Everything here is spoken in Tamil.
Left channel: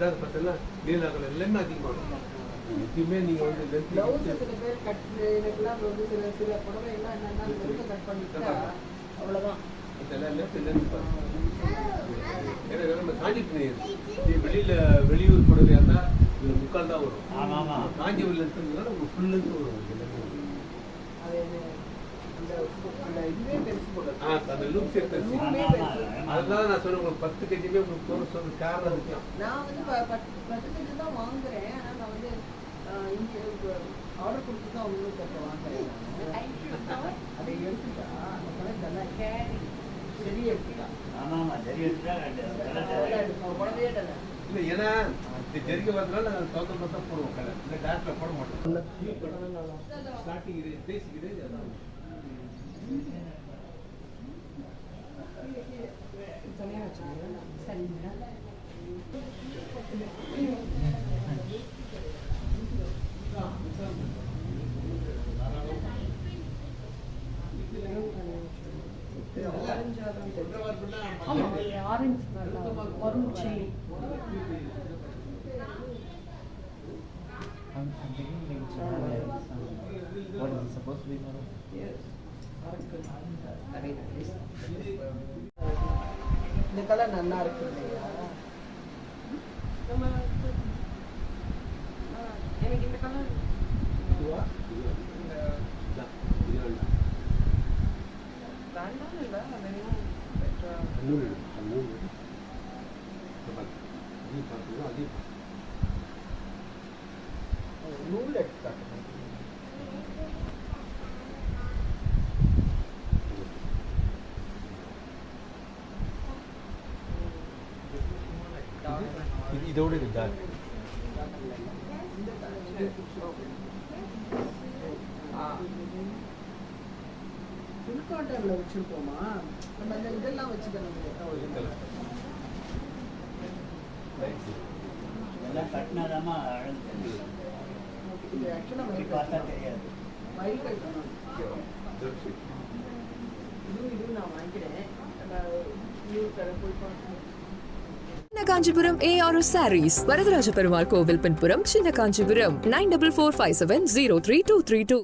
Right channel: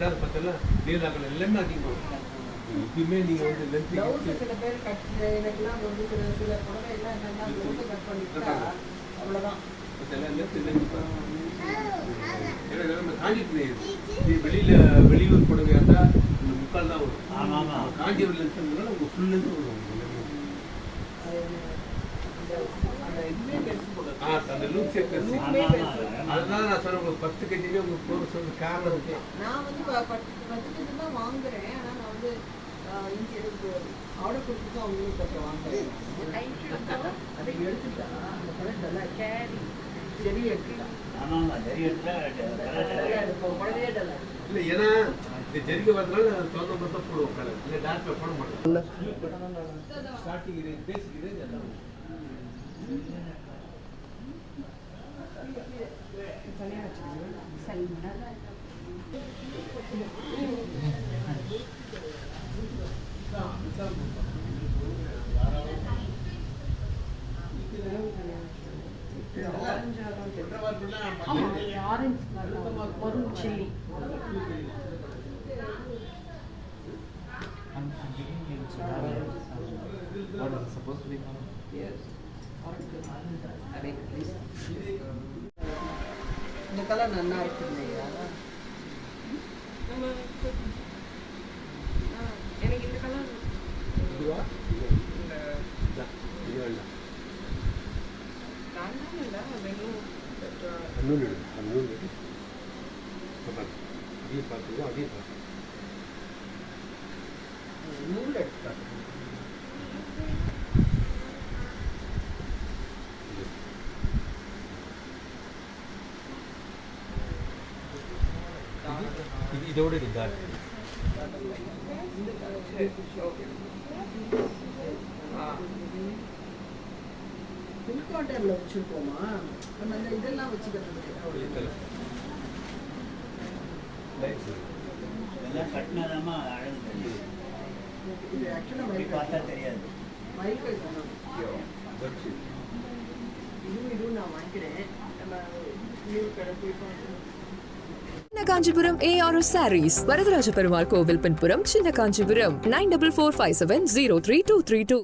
ரெண்டாவது பார்த்தா நீல கலர் எல்லாமே அதிகமாக இருக்கும். எப்பயுமே நீங்கள் வந்து லென்த் சில பேர் கட் எனக்குலாம் வந்து சில புடவை எல்லாம் என்னன்னா கட் பண்ணிட்டா அவ்வளோதான். எல்லாம் லென்த் ஏன்னா நம்ம காஞ்சி வெளியூர் புடவையாக இருந்தால் இந்த முக்கால் தான் வரும். ஆமாம் காஞ்சிபுரம் லென்த்னால உங்களுக்கு ஃபுல் லென்த் வரும். அந்த லூப்ஸே பெருசு. அதனால நான் சொன்னேன் உங்களுக்கு 10 kg உங்களுக்கு போக சொல்ற காரணம் இருக்கு. நான் வந்து 10 kg தான் வாங்குறேன். ஆனால் நான் வந்து இங்கே ஆர்டர் கொடுத்து தான் உங்களுக்கு வாங்குறேன். அதை எடுத்துட்டா அந்த கலர் நல்லா செடி எடுத்துட்டா. இல்லை ஏன்னா இந்த ஜெரிகை வந்தனால நாங்கள் சொந்த மட்டும் போடுவோம் கலர். இல்லை டார்க்ல போட மாட்டோம். ஸ்டார்டிங் பேசிக் எல்லாம் supposed to be one. Yes. இந்த கலர் நல்லா இருக்கு இல்லையா? எனக்கு இந்த கலர் நூல் எடுத்து இதோட இருந்தா ஃபுல்காட்டர்ல வச்சிருக்கோமா? அந்த இதெல்லாம் வச்சுக்கிறது எல்லாம் கட்டினாதாமா அழகு தெரியும். இது ஆக்சுவலா மைக் பார்த்தா தெரியாது. மைக் பண்ணணும். இதுவும் நான் வாங்கிக்கிறேன். நம்ம நியூ கடை போய் பார்க்கணும். சின்ன காஞ்சிபுரம் ARS Sarees, வரதராஜ பெருமாள் கோவில் பின்புறம், சின்ன காஞ்சிபுரம் 9445703232.